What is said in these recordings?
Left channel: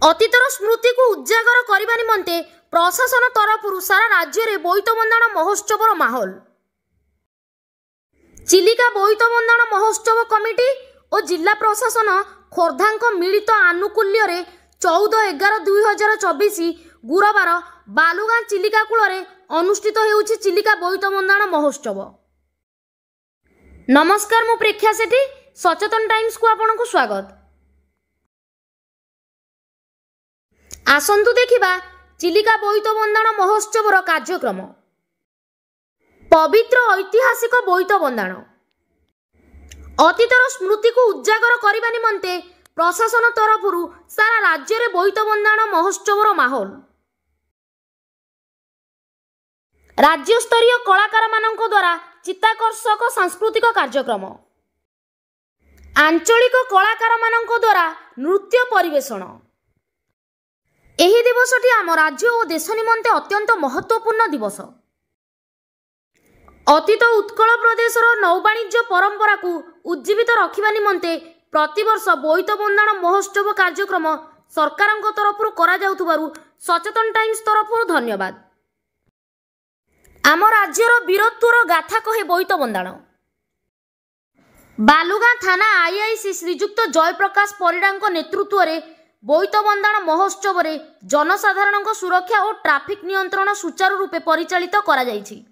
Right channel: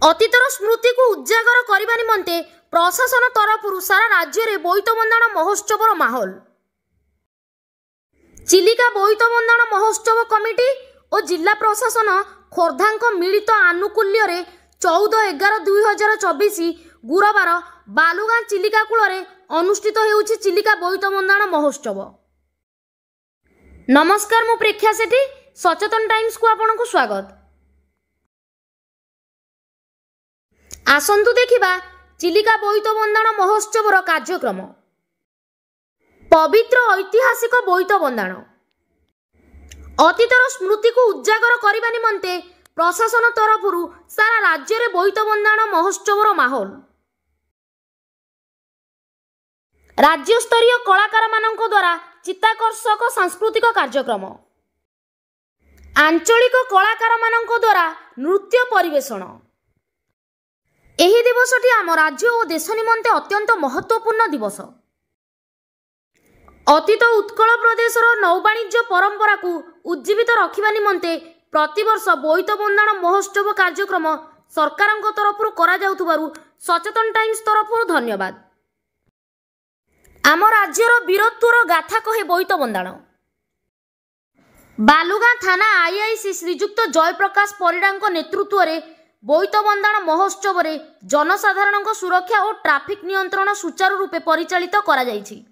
अतीतर स्मृति को उजागर करने निमंते प्रशासन तरफ सारा राज्य में बोईत बंदाण महोत्सव माहौल। चिलिका बोईत बंदाण महोत्सव कमिटी और जिला प्रशासन खोर्धा मिलित आनुकूल्य 14/11/2024 गुरुवार बालुगाँ चिलिका कूल अनुष्ठित होउछि चिलिका बोईत बंदाण महोत्सव। नमस्कार, मु प्रेक्षा सेठी, सचेतन टाइम्स को आपनको स्वागत। आसंतु देखिबा चिलिका बोईत बंदाण महोत्सव कार्यक्रम। पवित्र ऐतिहासिक बोईत बंदाण अतीतर स्मृति को उजागर करने निमंते प्रशासन तरफ सारा राज्य में बोईत बंदाण महोत्सव माहौल। राज्य स्तरीय कलाकार मानक द्वारा चित्ताकर्षक सांस्कृतिक कार्यक्रम, आंचलिक कलाकार मानक द्वारा नृत्य परिवेषण। एही दिवसटी आम राज्य और देश निमंते अत्यंत महत्वपूर्ण दिवस। अतीत उत्कल प्रदेशर नौवाणिज्य परंपरा को उज्जीवित रखिबा निमंते प्रतिवर्ष बोईत बंदाण महोत्सव कार्यक्रम सरकार तरफ करा जाउथबारु सचेतन टाइम्स तरफ धन्यवाद। आम राज्यर वीरत्वर गाथा कहे बोईत बंदाण। बालुगाँ थाना आईआईसी श्रीजुक्त जयप्रकाश परिडा नेतृत्व में बोईत बंदाण महोत्सव रे जनसाधारण सुरक्षा और ट्राफिक नियंत्रण सुचारू रूपे परिचालित करा जायछि।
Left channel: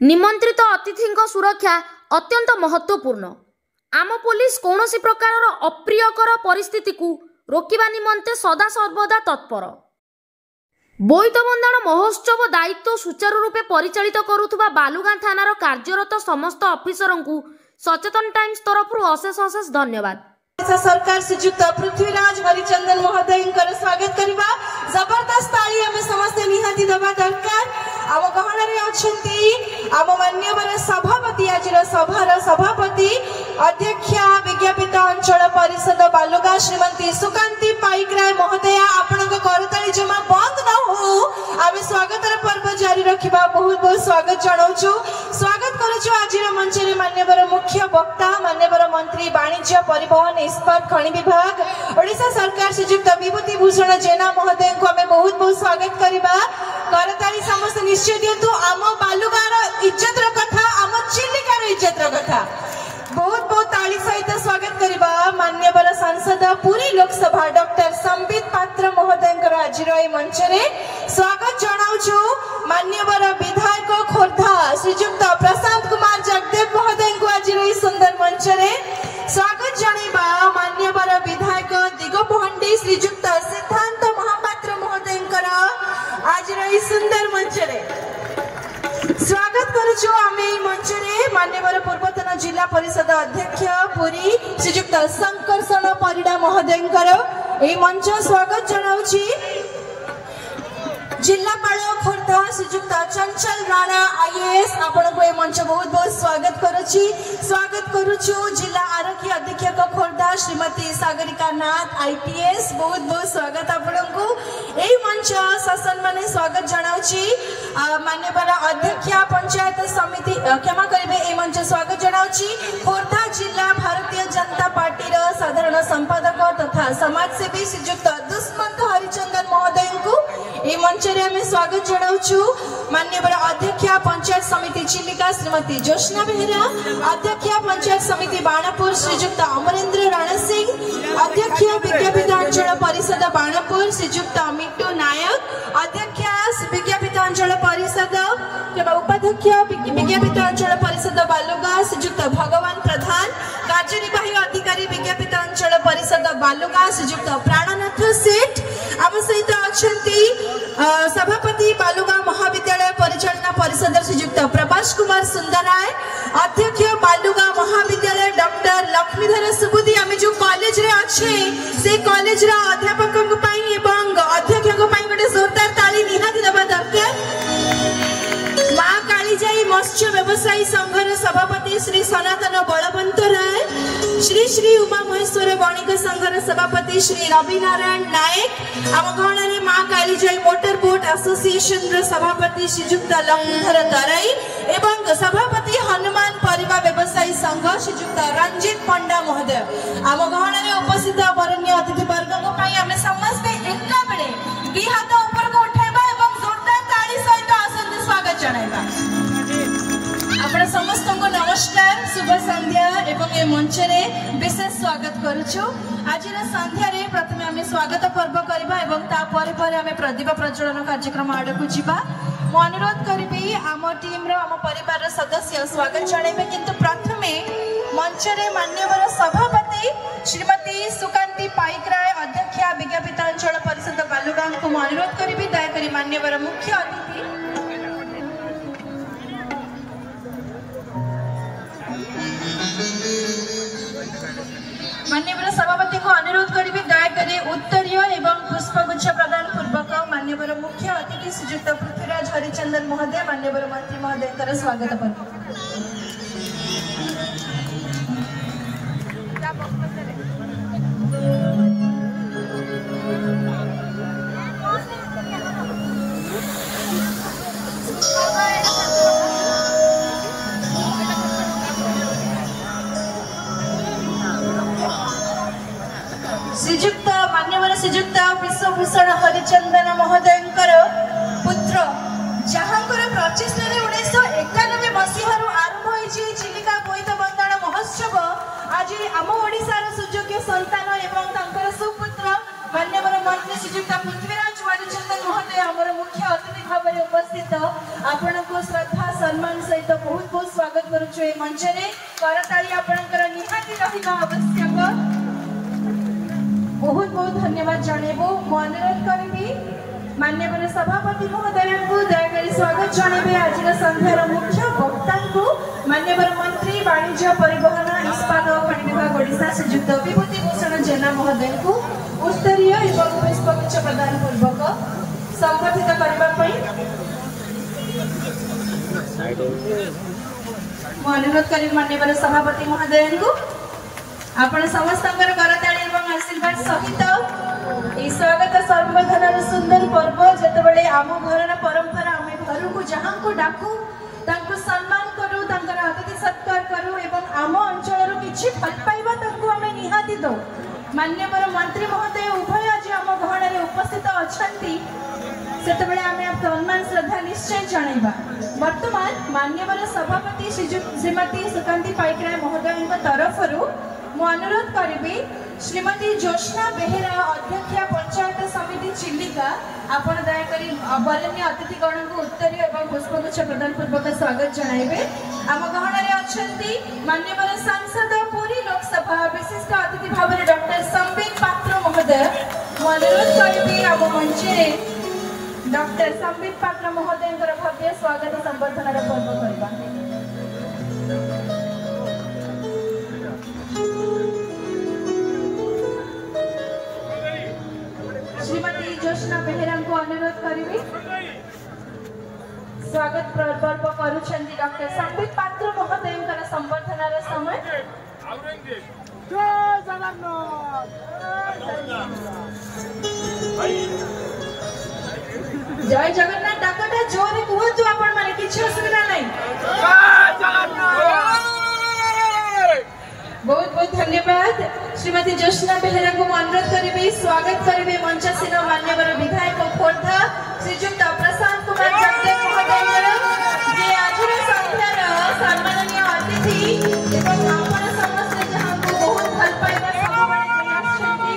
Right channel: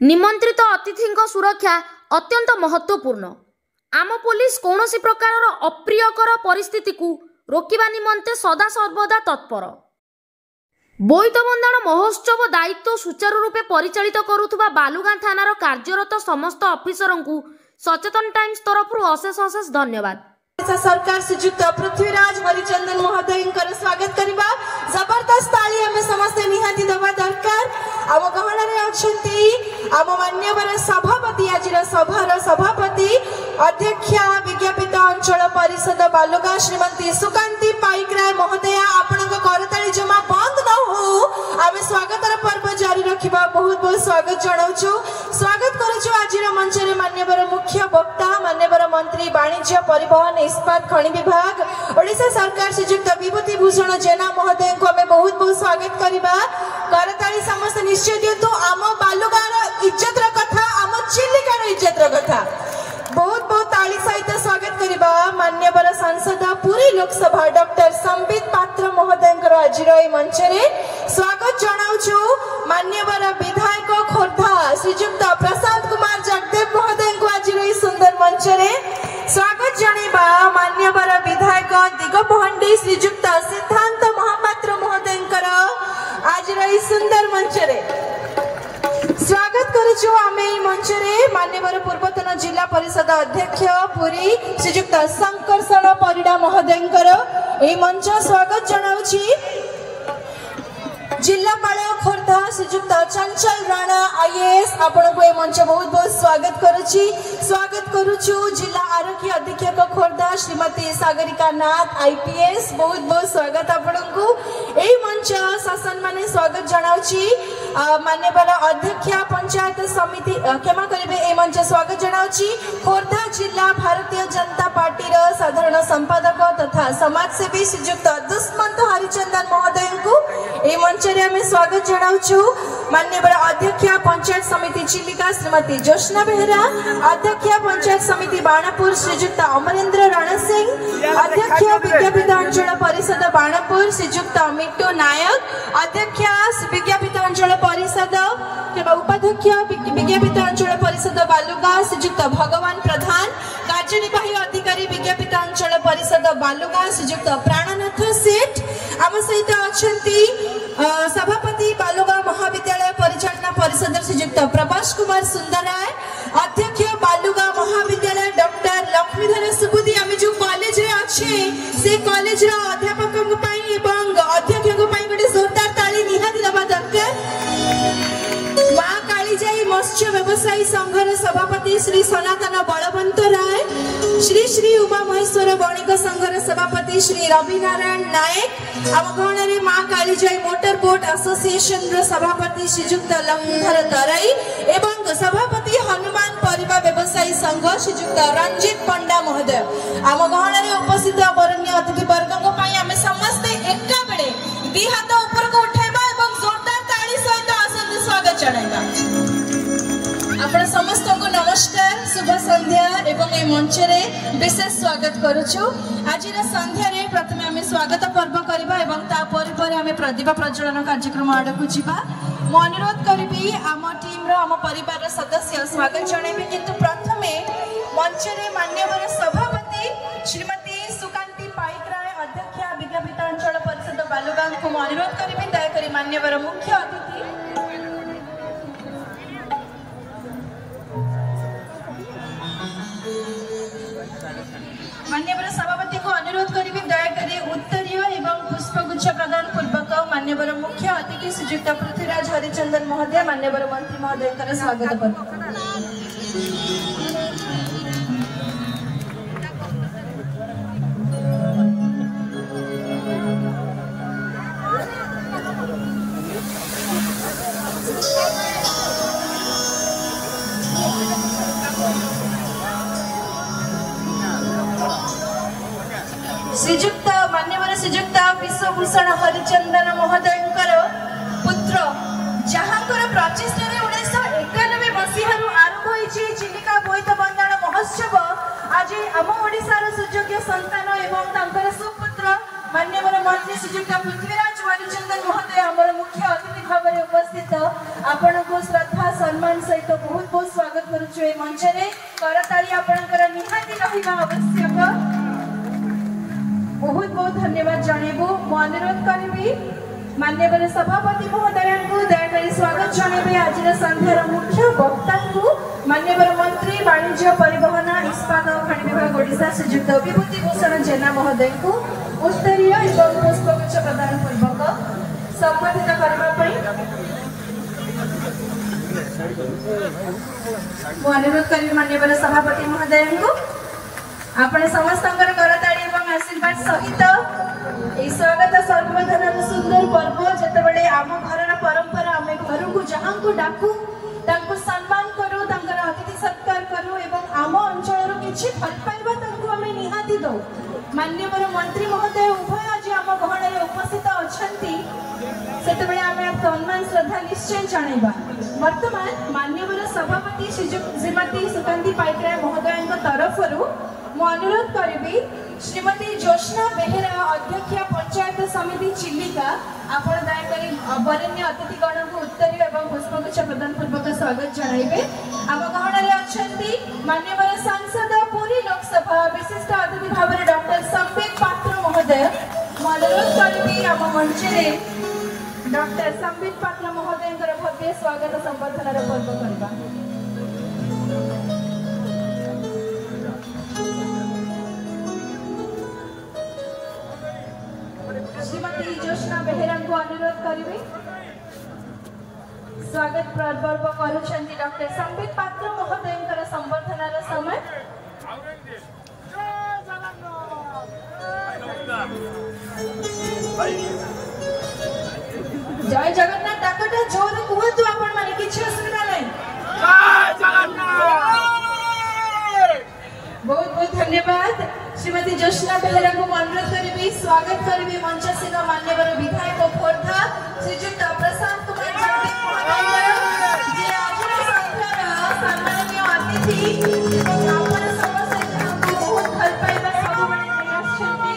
निमंत्रित अतिथि सुरक्षा अत्यंत महत्वपूर्ण। आम पुलिस कौनसी प्रकार अप्रियकर परिस्थिति को रोकिबा निमंते सदा सर्वदा तत्पर। बोईत बंदाण महोत्सव दायित्व सुचारू रूपे परिचालित करुथुबा बालुगाँ थानार कार्यरत समस्त ऑफिसर को सचेतन टाइम्स तरफ अशेष अशेष धन्यवाद। सरकार श्रीजुक्त पृथ्वीराज हरिचंदन महोदय स्वागत करवा। जबरदस्त ताली हमें समस्त निहाती देवा दरकार। आम गहन अच्छी आम मान्यवर सभापति, आज सभार सभापति अध्यक्षा विज्ञापित अंचल परिषद बालुगाँ श्रीमती सुकांती पाइकराय महोदया, आपण करताली जमा बंद न हो, आम स्वागत पर्व जारी रखा। बहुत बहुत स्वागत जनाऊँ। स्वागत करुचु आज मंच में मान्यवर मुख्य वक्ता, मान्यवर मंत्री वाणिज्य परिवहन इस्पात खनि विभाग ओडिशा सरकार श्रीजुक्त विभूति भूषण जेना महोदय को हमें बहुत बहुत स्वागत करवा। करताली समस्त निश्चय दिंतु। आम बालुगाँर इज्जत कथा, आम चिलिकार इज्जत कथा बहुत बहुत ताली सहित स्वागत करवा। मान्यवर सांसद पुरी लोकसभा डॉक्टर संबित पात्र महोदय आज मंच में स्वागत जनाऊँ। मान्यवर विधायक खोर्धा श्रीजुक्त प्रशांत कुमार जगदेव महोदय को आज सुंदर मंच में स्वागत जनाइबा। मान्यवर विधायक दिगोपहंडी श्रीजुक्त सिद्धांत महापात्र महोदय आज सुंदर मंच में स्वागत करुचु। आम मंच में मान्यवर पूर्वतन जिला परिषद अध्यक्ष पुरी श्रीजुक्त शंकरषण परिडा महोदय मंच स्वागत जनाऊँ। जिलापाल खोर्धा श्रीजुक्त चंचल राणा आईएएस आपण को मंच बहुत बहुत स्वागत करुचु। जिला आरक्षी अधीक्षक खोर्धा श्रीमती सागरिका नाथ आईपीएस बहुत बहुत स्वागत आपण को मंच शासन माने स्वागत जनाऊँ। मान्यवर अध्यक्षा पंचायत समिति क्षमा करेंगे मंच स्वागत जनाऊँ। खोर्धा जिला भारतीय जनता पार्टी साधारण संपादक तथा समाजसेवी श्रीजुक्त दुष्मंत हरिचंदन महोदय को मंच में स्वागत जनाऊँ। मान्यवर अध्यक्षा पंचायत समिति चिलिका श्रीमती ज्योत्सना बेहरा, अध्यक्षा पंचायत समिति बाणापुर श्रीजुक्त अमरेंद्र राणा सिंह, अध्यक्ष विज्ञापित अंचल परिषद बाणापुर श्रीजुक्त मिट्टू नायक, अध्यक्ष विज्ञापित अंचल परिषद उपाध्यक्ष विज्ञापित अंचल परिषद बालुगाँ श्रीजुक्त भगवान प्रधान, कार्यनिर्वाही अधिकारी विज्ञापित अंचल परिषद बालुगाँ श्रीजुक्त प्राणनाथ सेठ, आम सहित अच्छा सभापति बालुगाँ महाविद्यालय परिचालना परिषद श्रीजुक्त प्रभास कुमार सुंदराय, अध्यक्ष बालुगाँ महाविद्यालय डॉक्टर लक्ष्मीधर सुबुदी। आम जो कॉलेज रे अच्छे से कॉलेज अध्यापक अध्यक्ष गोटे जोरदार ताली निहाती देवा दरकार। माँ कालीजाई मत्स्य व्यवसायी संघर सभापति श्री सनातन बलवंत राय, श्री श्री उमा महेश्वर वणिक संघर सभापति श्री रविनारायण नायक, आम गहन माँ कालीजाई मोटर बोट एसोसिएशन सभापति श्रीजुक्त लक्ष्मीधर तराई एवं सभापति हनुमान परिवार सेविका व्यवसायी संघ श्रीजुक्त रंजित पंडा महोदय आम गहन उपस्थित बरण्य अतिथि वर्ग आम समस्ते एक बेले दी हाथ ऊपर को उठाइबा एवं जोरदार ताली सहित आसंती स्वागत जणाइबा। आपण समस्त को नमस्कार शुभ संध्या एवं ए मंच रे विशेष स्वागत करूछु। आज संध्या रे प्रथमे आम स्वागत पर्व करबा एवं ता परे आम प्रतिभा प्रज्वलन कार्यक्रम आड़ को जीवा। मु अनुरोध करी आम टीम आम परिवार सदस्य स्वागत जणाइबे किंतु प्रथमे मंच रे मान्यवर सभापति श्रीमती सुकांती पाइकराय अध्यक्षा विज्ञापित अंचल परिषद बालुगांव को अनुरोध करी दयाकोरी मान्यवर मुख्य अतिथि मान्यवर सभापति को अनुरोध करी दयाकोरी उत्तरीय एवं पुष्पगुच्छ प्रदान पूर्वक मान्यवर मुख्य अतिथि श्रीजुक्त पृथ्वीराज हरिचंदन महोदय मान्यवर मंत्री महोदय स्वागत करते। श्रीजुक्त मान्यवर श्रीजुक्त विश्वभूषण हरिचंदन महोदय पुत्र जहाँ प्रचेषा 1991 मसीह आरंभ होती चिलिका बोईत बंदाण महोत्सव आज आम ओडिशार सुयोग्य संतान एवं सुपुत्र मान्यवर मंत्री श्रीजुक्त पृथ्वीराज हरिचंदन महोदय आमर मुख्य अतिथि भाव में उपस्थित आपण को श्रद्धा सम्मान सहित बहुत बहुत स्वागत करुछु। मंच रे करताली आपणकर निहाती रहिबा आवश्यक। बहुत बहुत धन्यवाद जणेबु। मु अनुरोध करिबी मान्यवर सभापति महोदय को दयाकोरी स्वागत जणेबी। आज संध्यार मुख्य वक्ता को मान्यवर मंत्री वाणिज्य परिवहन इस्पात और खनि विभाग ओडिशा श्रीजुक्त विभूति भूषण जेना महोदय को उत्तरीय एवं पुष्पगुच्छ प्रदान पूर्वक संबोधित करबा पई मु अनुरोध करिबी मान्यवर सभापति महोदय को आपण समस्तंकर करताली एवं आशीर्वाद सहित ए स्वागत सर्वधनर सुंदर पर्व जतबेले आम घरर परंपरा आम घर को जहां को डाकू तांको सम्मान करू तांकर अतिथि सत्कार करू एवं आम अंचल किछि फट पाइबा तांको आम निहाती दो। मान्यवर मंत्री महोदय उभय आज आम घरर उपस्थित अछंती सेतबेले आम सम्मान श्रद्धा निश्चय जणाइबा। वर्तमान मान्यवर सभापति श्रीमती सुकांती पाइकराय महोदय तरफरु मु अनुरोध करी श्रीमती ज्योत्स्ना बेहेरा अध्यक्षा पंचायत समिति चिलिका आपण दयाकोरी बरण्य अतिथिगण को उत्तरीय एवं पुष्पगुच्छ प्रदान पूर्वक स्वागत जणाइबे। आम गहन अछंती मान्यवर सांसद पुरी लोकसभा विशिष्ट अतिथि भाव में डॉक्टर संबित पात्र महोदय। मु अनुरोध करी आम मंच रे डॉक्टर संबित पात्र महोदय भव्य स्वागत संबर्धना पूर्व करबा। श्रीमती ज्योत्स्ना बेहेरा को अनुरोध करी स्वागत पर्व करुछंती डॉक्टर संबित पात्र महोदय संबर्धनार समय। जय जगन्नाथ डाकटा जोरे कहतु आपण माने किछि असुविधा नै। बहुत बहुत धन्यवाद। श्रीमती ज्योत्स्ना बेहेरा को अनुरोध करी स्वागत करेंगे मंचासीन मान्यवर विधायक खोर्धा श्रीजुक्त प्रशांत कुमार जाते महोदय जे आज संध्यार सम्माननीय अतिथि एवं आपण समस्त जहां को भल पाइबा सबने आछंती।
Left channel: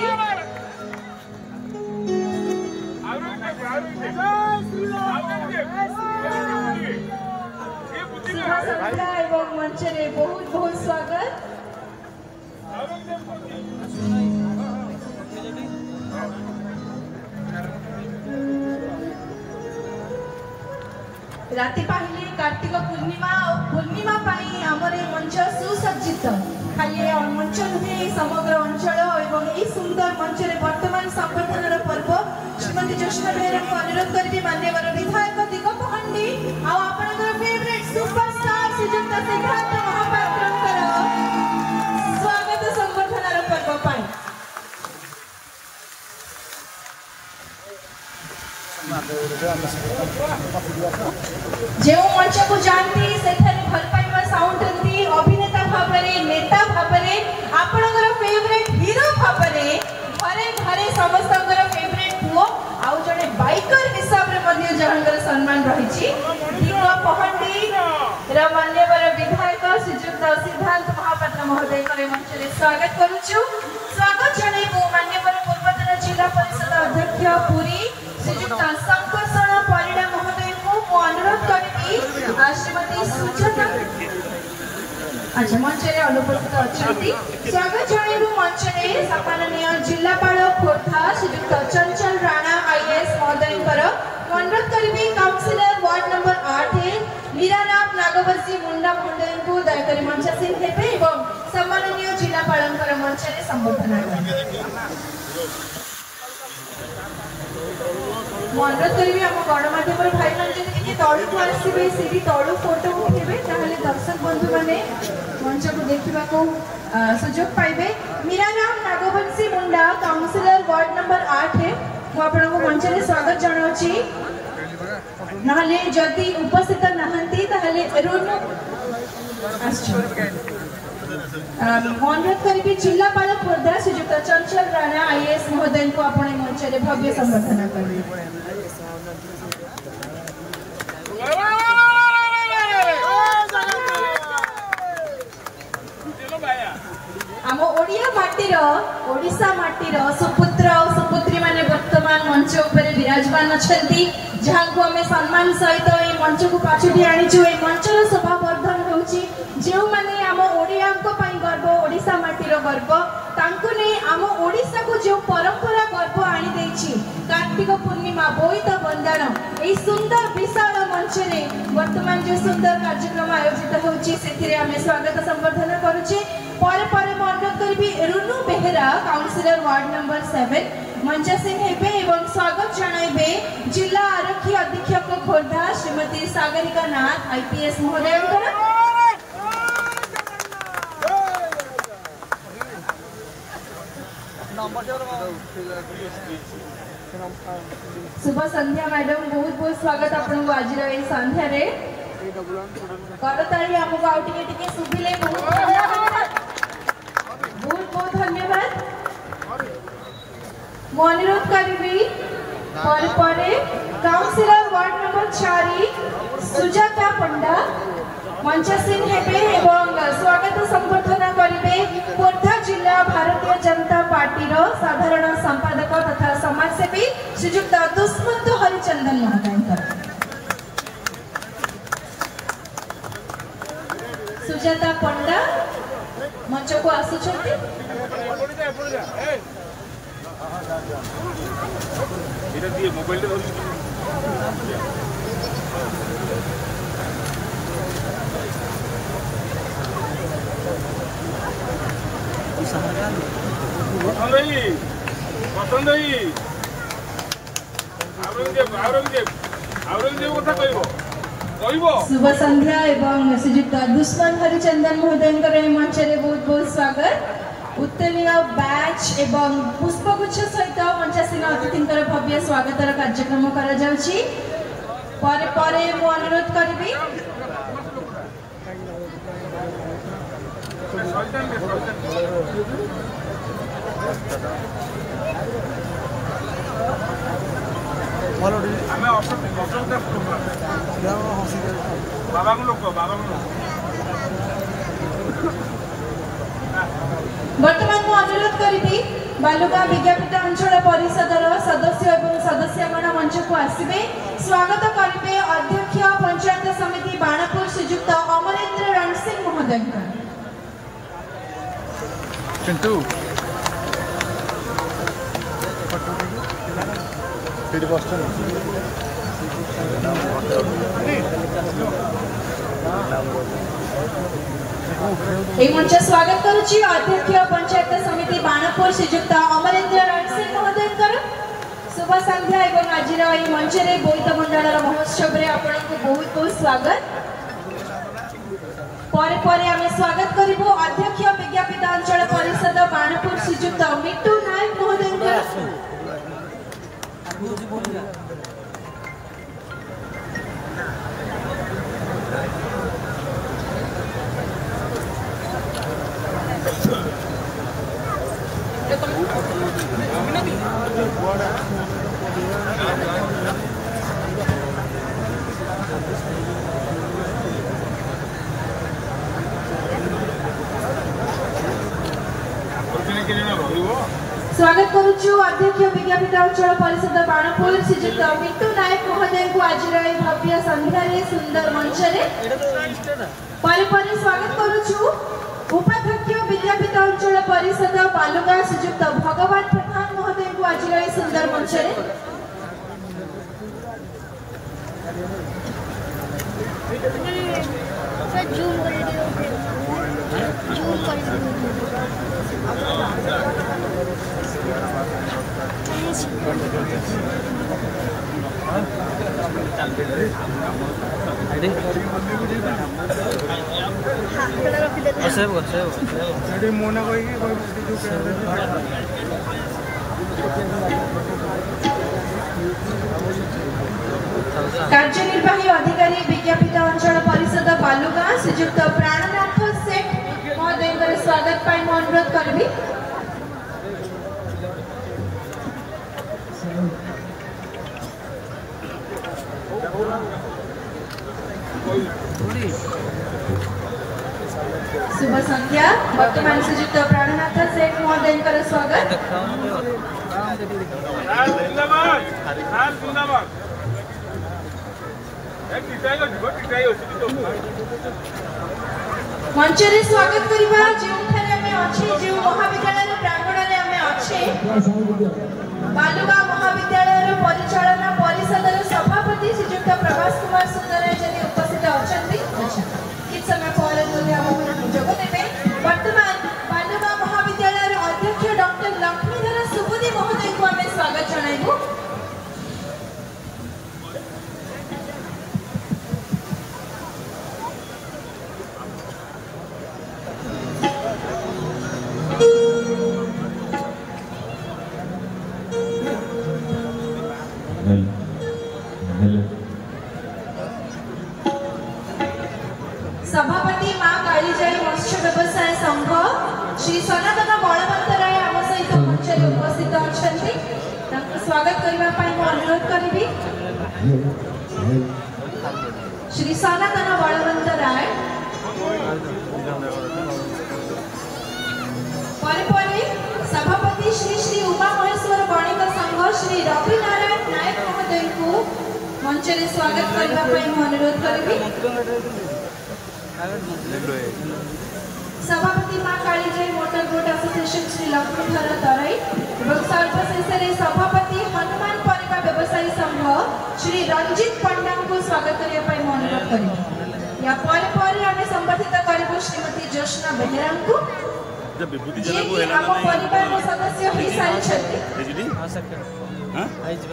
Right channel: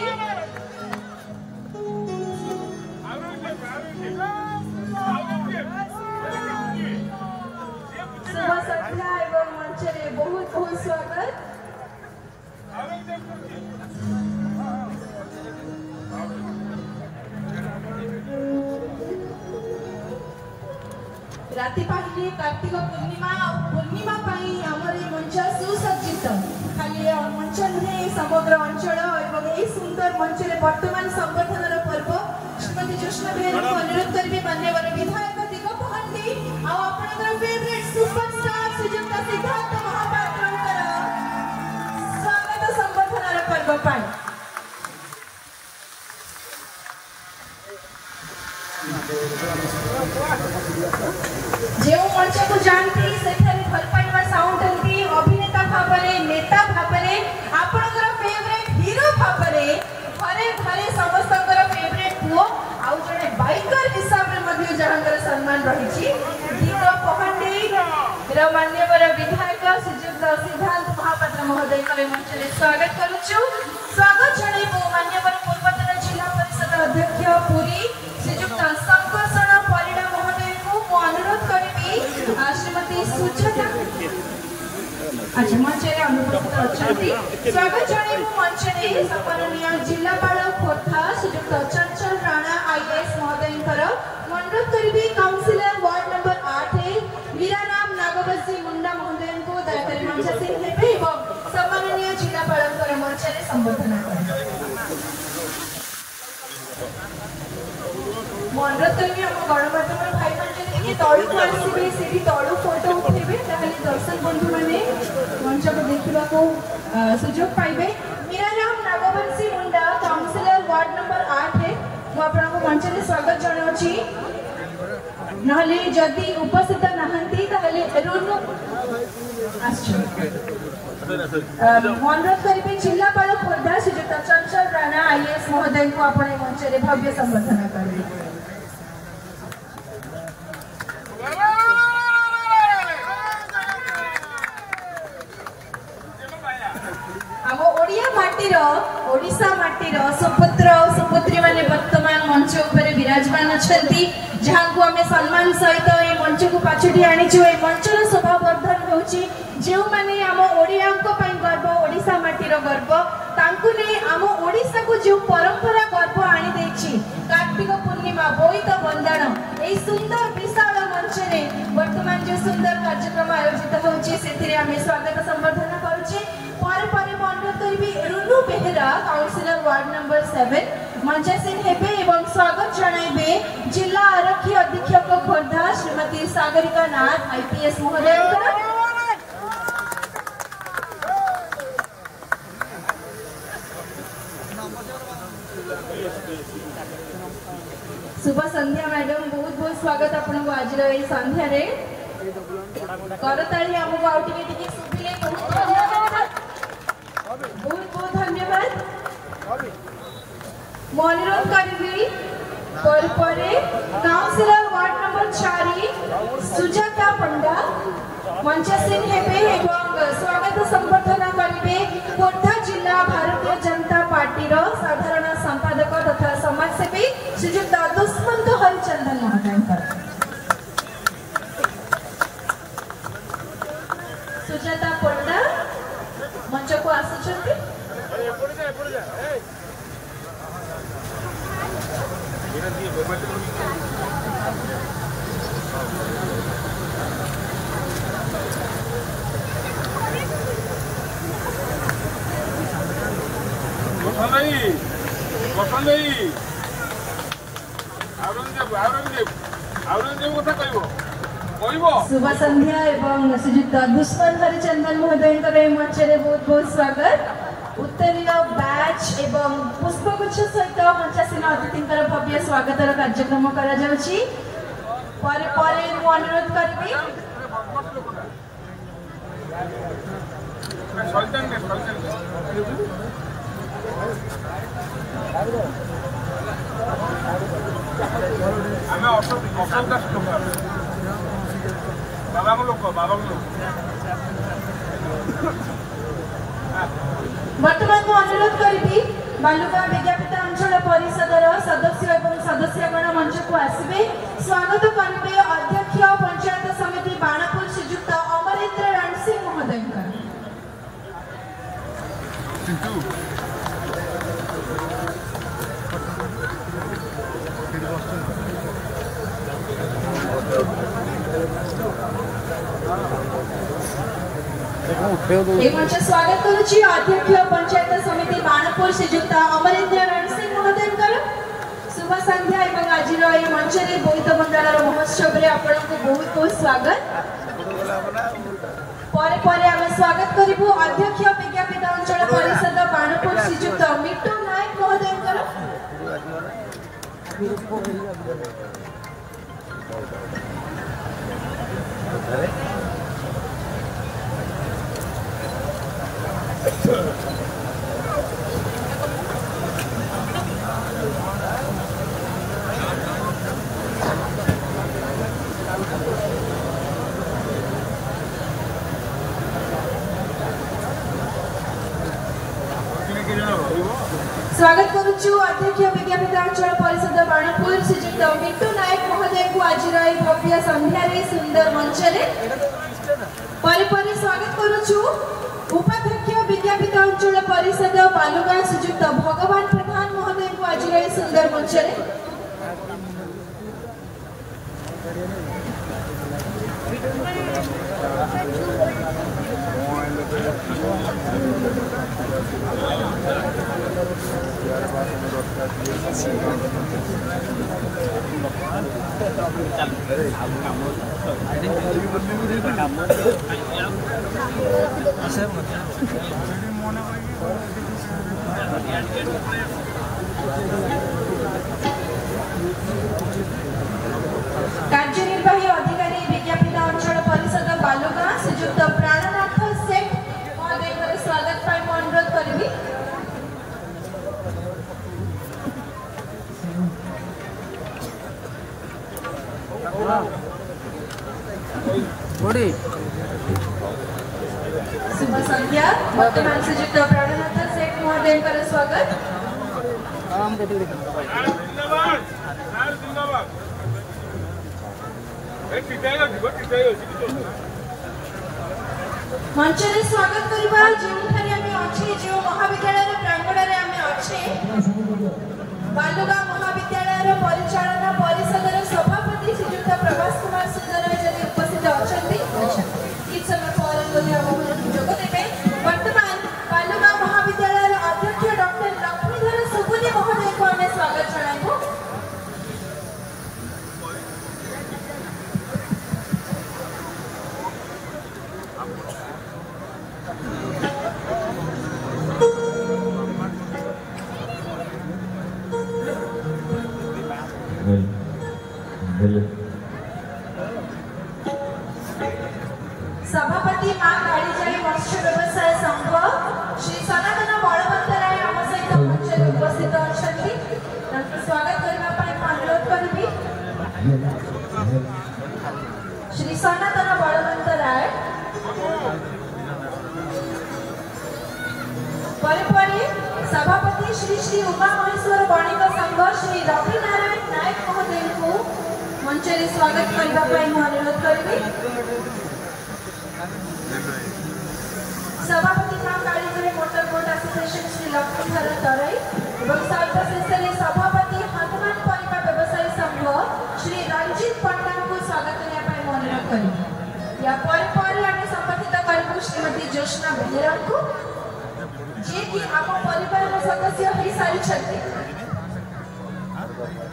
शुभ संध्या एवं मंच रे बहुत बहुत स्वागत। राति पहले कार्तिक पूर्णिमा पाई आमर मंच सुसज्जित खाली मंच नुहे समग्र अंचल एवं यही सुंदर मंच रे वर्तमान संबर्धनार पर्व श्रीमती ज्योत्स्ना बेहेरा को अनुरोध करी मान्यवर विधायक दिगप हंडी आ आपनकर फेवरेट सुपरस्टार श्रीजुक्त सिद्धार्थ महापात्रंकर स्वागत संबर्धनार पर्व पाई। जो मंच को जानती से जहांगर सम्मान रही दीप पहंडी मान्यवर विधायक श्रीजुक्त सिद्धांत महापात्र महोदय मंच में स्वागत करुचु। स्वागत जनाइबु मान्यवर पूर्वतन जिला परिषद अध्यक्ष पुरी श्रीजुक्त संकर्षण परिणा महोदय को अनुरोध करी श्रीमती सुचना आज मंच में अनुपस्थित अच्छा स्वागत जनाइबु मंच में सम्माननीय जिलापाल खोर्धा श्रीजुक्त चंचल राणा आईएएस महोदय अनुरोध करी काउंसिलर वार्ड नंबर 8 मीराराम नागवंशी मुंडा महोदय को दयाकोरी मंच से हेबे एवं सम्माननीय जिलापाल मंच में संबोधन करेंगे। अनुरोध करी आम गणमाध्यम भाई मैंने तलू को आसवे से तलू फोटो उठेबे ताहले दर्शक बंधु माने मंच को देखा सुजोग पाइबे। मीराराम नागवंशी मुंडा काउंसिलर वार्ड नंबर 8 मु आपनको मंच में स्वागत जनाउछि। नहले जदि उपस्थित नहंती ताहले रुनु आछो अनुरोध करी जिलापाल खोर्धा श्रीजुक्त चंचल राणा आईएएस महोदय को आपण मंच में भव्य संबर्धना करेंगे। आम ओडिया माटीर ओडिशा माटीर सुपुत्र और सुपुत्री माने वर्तमान मंच उपरे विराजमान अछंती जहां को हमें सम्मान सहित ए मंच को पाछुटी आनिछु। ए मंचर शोभा वर्धन होउची जेउ माने आम ओडिया को पई गर्व ओडिशा माटीर गर्व तांकु ने आम ओडिशा को जो परंपरा गर्व आनी देछि कार्तिक पूर्णिमा बोईत बंदाण ए सुंदर विशाल मंच रे वर्तमान जो सुंदर कार्यक्रम आयोजित होउची सेथिरे हमें स्वागत संबर्धना करूची। पर रुनु बेहरा काउंसिलर वार्ड नंबर 7 मंच से हेबे एवं स्वागत जनाइबे जिला आरक्षी अधीक्षक खोर्धा श्रीमती सागरिका नाथ आईपीएस महोदय। शुभ संध्या मैडम बहुत बहुत स्वागत आपन को आज रे संध्या रे करताली हमको आउ टिके सुबिले बहुत बहुत धन्यवाद। मु अनुरोध करी पर काउंसिलर वार्ड नंबर 4 सुजाता पंडा मंच से हेबे एवं स्वागत संबर्धना करिवे खोर्धा जिला भारतीय जनता पार्टी रो साधारण संपादक तथा समाजसेवी श्रीजुक्त दुष्मंत हरिचंदन महोदय। सुजाता पंडा मंच को आसुछंती। शुभ संध्या एवं श्रीजुक्त दुष्मंत हरिचंदन महोदय मंच में बहुत बहुत स्वागत। उत्तरीय बैच एवं पुष्पगुच्छ सहित मंचासीन अतिथि भव्य स्वागत कार्यक्रम करा जाउछि। परे मु अनुरोध करिबी वर्तमान मु अनुरोध करी बालुका विज्ञापित अंचल परिषदर सदस्य एवं सदस्यगण मंच को आसवे स्वागत करेंगे अध्यक्ष पंचायत समिति बाणापुर श्रीजुक्त अमरेंद्र रणसिंह महोदय। मंच स्वागत करुची अध्यक्ष पंचायत समिति बाणापुर श्रीजुक्त अमरेंद्र रणसिंह महोदय। शुभ संध्या एवं आज मंच में बोईत भंडार महोत्सव में आपको बहुत बहुत स्वागत। पर आम स्वागत करूँ अध्यक्ष विज्ञापित अंचल परिषद बाणापुर श्रीजुक्त मिट्टू नायक महोदय। स्वागत करुछु अध्यक्ष विज्ञापित अंचल परिषद बाणपुर श्रीजुक्त मिंटू नायक महोदय को आज भव्य संध्या सुंदर मंच पर स्वागत करुछु उपाध्यक्ष विज्ञापित अंचल परिषद बालुगां श्रीजुक्त भगवान प्रधान महोदय को आज सुंदर मंच कार्यनिर्वाही अधिकारी विज्ञापित अंचल परिषद बालुगां श्रीजुक्त प्राणनाथ सेठ महोदय स्वागत पाई अनुरोध करी शुभ संध्या वर्तमान श्रीजुक्त प्राणनाथ सेठ महोदय स्वागत मंच स्वागत करवा जो महाविद्यालय प्रांगण में अच्छे बालुगां महाविद्यालय परिचालन परिषद सभापति श्रीजुक्त प्रभास कुमार सुंदर उपस्थित अच्छा किस समय पर जोगदेवे वर्तमान बालुगां महाविद्यालय अध्यक्ष डॉक्टर लक्ष्मीधर सुबुनी महोदय को आम स्वागत जनाइबू सभापति मां कालीजाई मत्स्य व्यवसाय संघ श्री सनातन बलवंत राय आम सहित मंच उपस्थित अच्छा स्वागत करने अनुरोध करी श्री सनातन बलवंत राय सभापति श्री श्री उमा महेश्वर वणिक संघ श्री रवि नारायण नायक महोदय को मंच स्वागत करने अनुरोध करी सभापति मां Kalijai motor boat association Shri Laxmidhar Tarai और सर्वशेष सभापति हनुमान परिका व्यवसायी संघ श्री रंजित पंडा को स्वागत करने अनुरोध करेंगे या पर संबर्धित करेंगे श्रीमती जोशना बेहेरा को जी आम परिवार सदस्य हो सारी बैच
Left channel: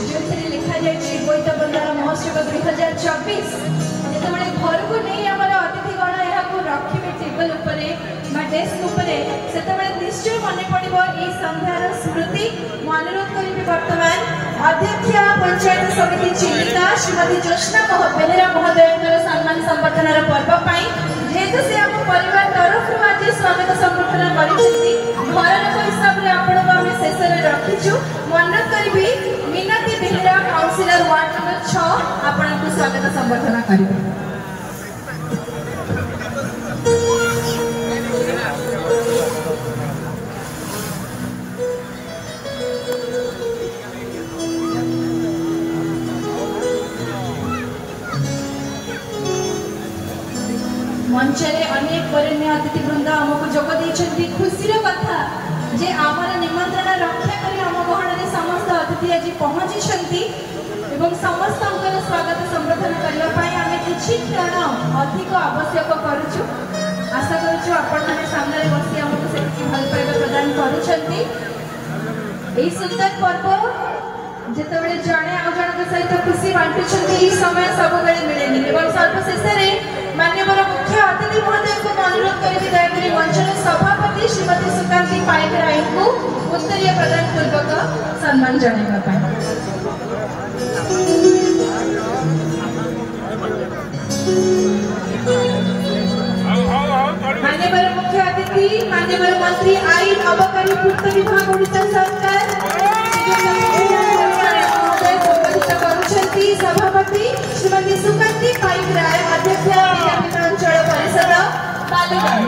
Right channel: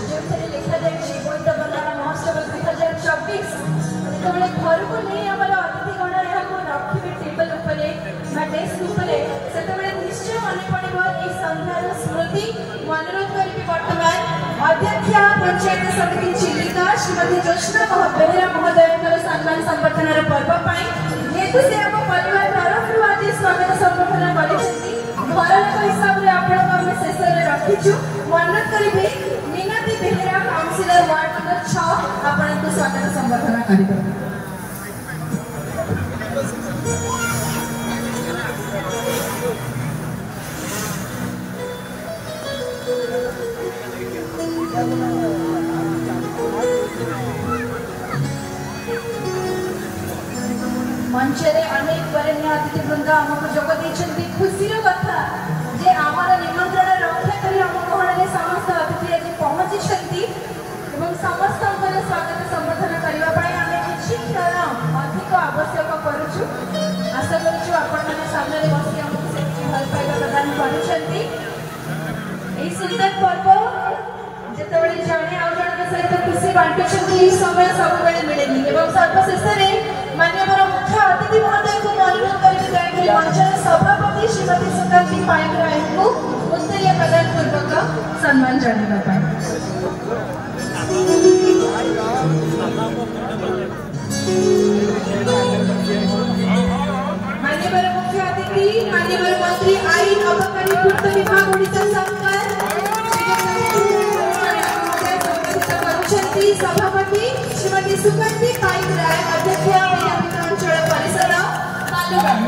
जो लिखा जाए बोईत बंधारण महोत्सव 2024 जो घर को नहीं आम अतिथिगण यहाँ रखिए टेबल डेस्क से निश्चय मन पड़ो यही संध्यार स्मृति अनुरोध करी बर्तमान अध्यक्ष पंचायत समिति चिलिका श्रीमती जोशना बेहेरा महोदय सम्मान संबर्धन पर्व जेहेतु से आम परिवार तरफ आज स्वागत संबर्धन कर हिसाब से आपको शेष में रखीचु अनुरोध करी मिनती बेहेरा काउंसिलर वार्ड नंबर 6 आपको स्वागत संबर्धन करेंगे मंचरे अनेक वरेण्य अतिथि वृंद आमको जोग देइछन्ति खुशीर कथा जे आमर निमंत्रण रक्षा करी आम गहन समस्त अतिथि आज पहुंची एवं समस्त स्वागत संबर्धन करने आम किसी क्षण अधिक आवश्यक करुचु आशा करुचु आपण माने सामने बसी आमको सेठी भल पाइबा प्रदान करुछन्ति एही सुंदर पर्व जेतेबेले जणे आ जणक सहित खुशी बांटुछन्ति एही समय सब बेले मिलेनी एवं सर्वशेष रे माननीय मुख्य अतिथि महोदय को अनुरोध करी दयाकरी मंचर सभापति श्रीमती सुकांती पाइक राय को उत्तरीय प्रदान पूर्वक सम्मान जनाइबा पाई माननीय मुख्य अतिथि माननीय मंत्री आईन अबकारी पूर्त विभाग ओडिशा सरकार सभापति श्रीमती सुकन्या पाइकराय अध्यक्ष अंचल परिषद तालिबान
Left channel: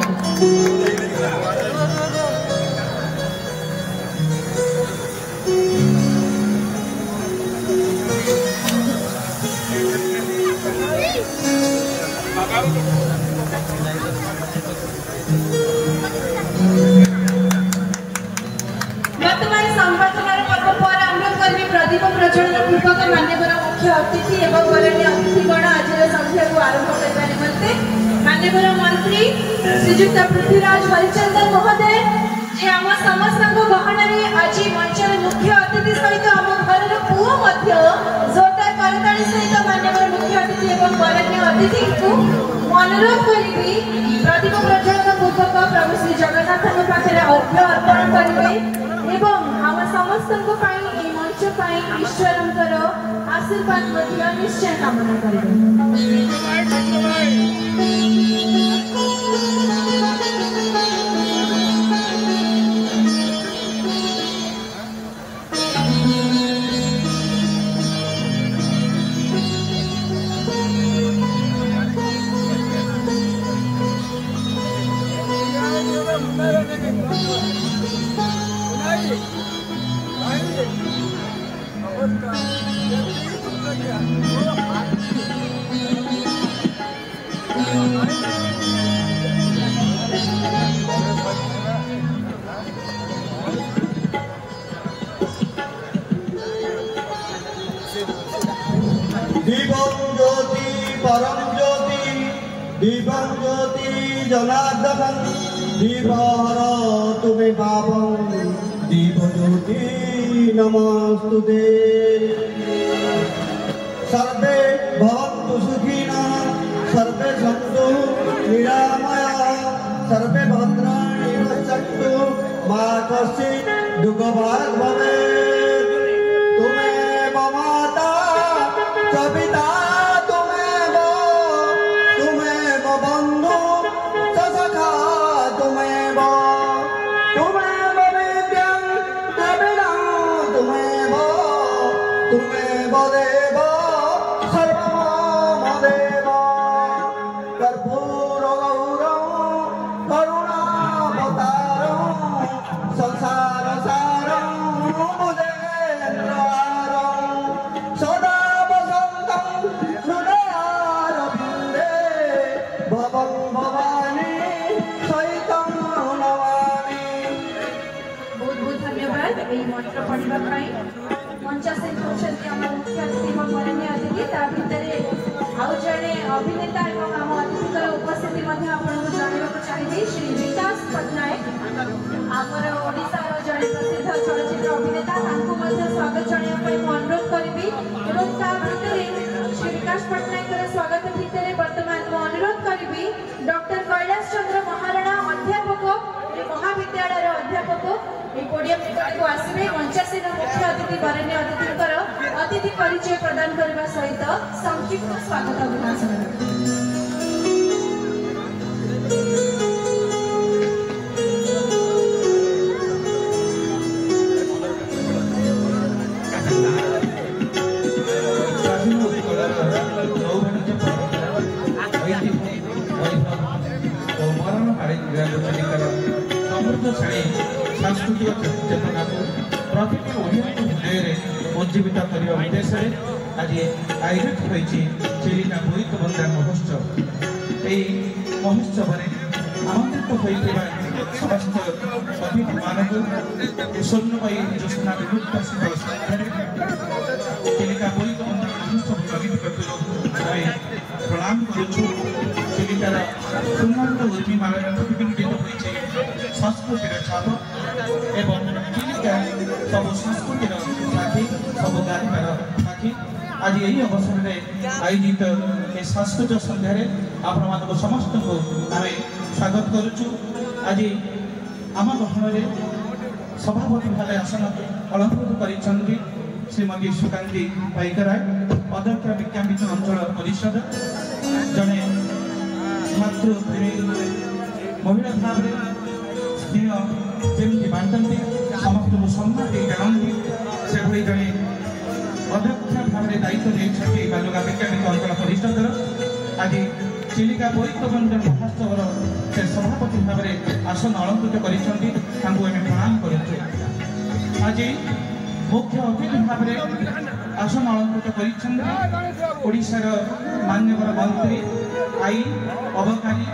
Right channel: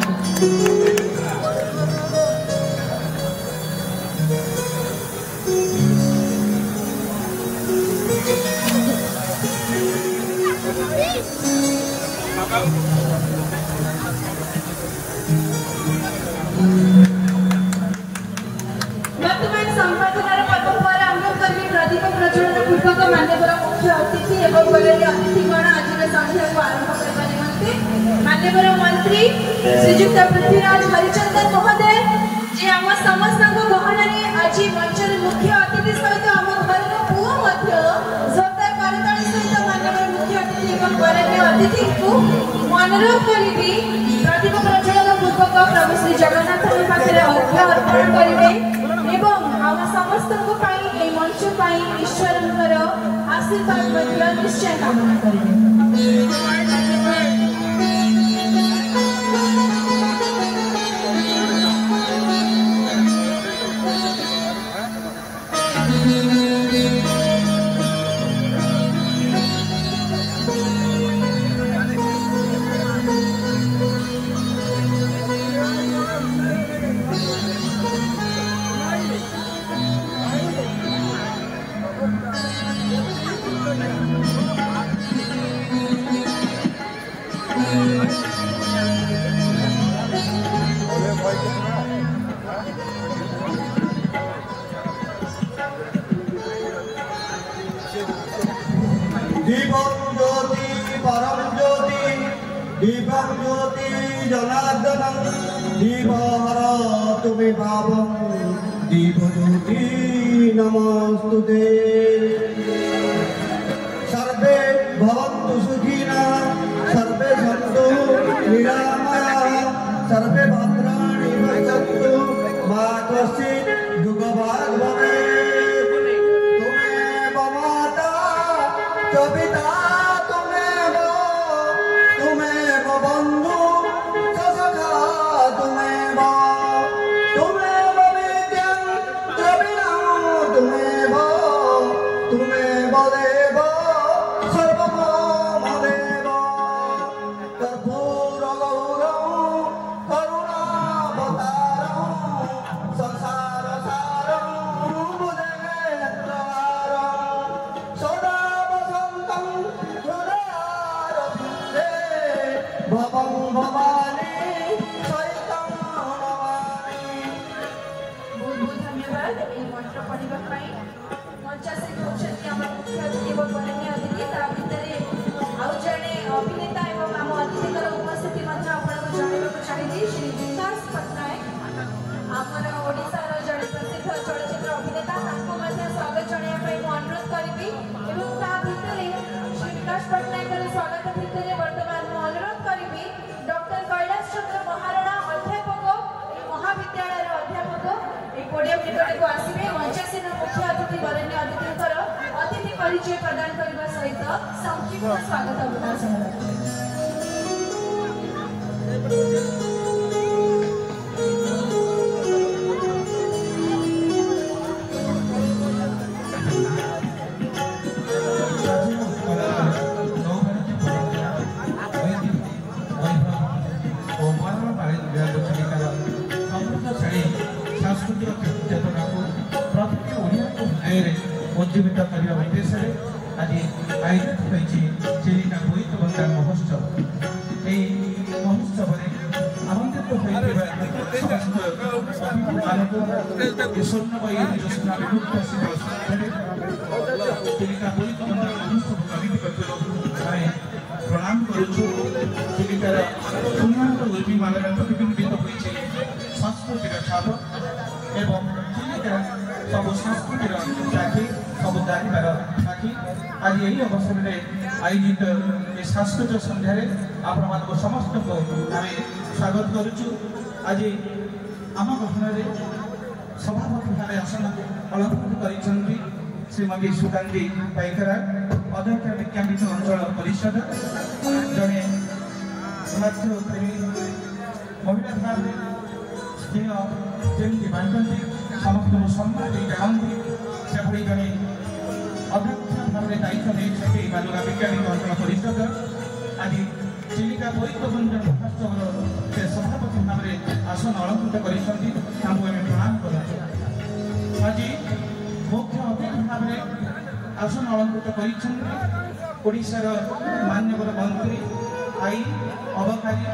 मंत्री श्रीयुक्त पृथ्वीराज हरिचंदन महोदय जे आम समस्त गहनारे आज मंचर मुख्य अतिथि सहित आम घर पुओ जोरदार करताली सहित माननीय मुख्य अतिथि एवं वरण्य अतिथि को अनुरोध करी प्रदीप प्रज्वलन पूर्वक प्रभु श्री जगन्नाथ पाखे अर्घ्य अर्पण करेंगे एवं आम समस्त मंच ईश्वर आशीर्वाद निश्चय कामना करेंगे। नमस्तुते सर्वे भवन्तु सुखिनः सर्वे सन्तु निरामयाः सर्वे भद्राणि पश्यन्तु मा कश्चित् दुःखभाग् भवेत्। त्वमेव माता च पिता त्वमेव बन्धु च सखा त्वमेव विद्यां त्वमेव देव सर्वमदेव कर्पूरगौरं करुणावतारं संसारसारं भुजगेन्द्रहारं सदा वसन्तं हृदयारविन्दे भवं भवानी सहितं नमामि। बहुत बहुत धन्यवाद এই মন্ত্র পড়িবা পাই मंचासे होछन्ति आम मुख्य अतिथि एवं वरण्य अतिथि ता भितरे आउ जणे अभिनेता एवं आम अतिथिकर उपस्थिति मध्ये आपनको जणाइबाक चाहिबी श्री विकास पटनायक आमर ओडिसा जणे प्रसिद्ध चलचित्र अभिनेता तांको मध्ये स्वागत जणाइबा पई अनुरोध करबी एवं ता भितरे श्री विकास पटनायकर स्वागत भितरे वर्तमान अनुरोध करबी डॉक्टर कैलाश चंद्र महाराणा अध्यापक महाविद्यालय अध्यापक पोडियम निकट को आसवे मंचासीन मुख्य अतिथि वरण्य अतिथिकर अतिथि परिचय प्रदान करने सहित संक्षिप्त स्वागत भाषण उज्जीवित करने उद्देश्य आज आयोजित होती चिलिका बोईत बंदार महोत्सव। यही महोत्सव आमंत्रित होता समस्त अतिथि मानक स्वर्णमयी ज्योत्स्ना विमुक्तासित चिलिका बोईत बंदार महोत्सव प्रगति करते प्रणाम करुचु। चिलिकार सुंदर उर्मी मानव प्रतिबिंबित होती संस्कृतिर छाप एवं चिलिका सब संस्कृतिर साथी सब गाइबार साथी आज यही अवसर में आयोजित सांस्कृतिक संध्यार आपण समस्त को आम स्वागत करुचु। आज आम गहन सभापति भाव आसन अलंकृत कर श्रीमती सुकांती पाइकराय अध्यक्ष विज्ञान अंचल परिषद जड़े छात्र प्रेमी महिला भाव स्त्री ଯେମିତି ବାଣ୍ଟନ୍ତି ସମସ୍ତଙ୍କୁ ସମ୍ମାନ ଦେଇ ଜାଣନ୍ତି ସେଭଳି ଜଣେ ଅଧ୍ୟକ୍ଷ ଭାବରେ ଦାୟିତ୍ୱ ନେଇଛନ୍ତି ବାଲୁକା ବିଜ୍ଞାନିକ ଅଞ୍ଚଳ ପରିଷଦର। ଆଜି ଚିଲିକା ବୋଇତବନ୍ଦା ମହୋତ୍ସବର ସେ ସଭାପତି ଭାବରେ ଆସନ ଅଳଙ୍କୃତ କରିଛନ୍ତି, ତାଙ୍କୁ ଆମେ ପ୍ରଣାମ କରୁଛୁ। ଆଜି ମୁଖ୍ୟ ଅତିଥି ଭାବରେ ଆସନ ଅଳଙ୍କୃତ କରିଛନ୍ତି ଓଡ଼ିଶାର ମାନ୍ୟବର ମନ୍ତ୍ରୀ ଆଇନ ଅବକାରୀ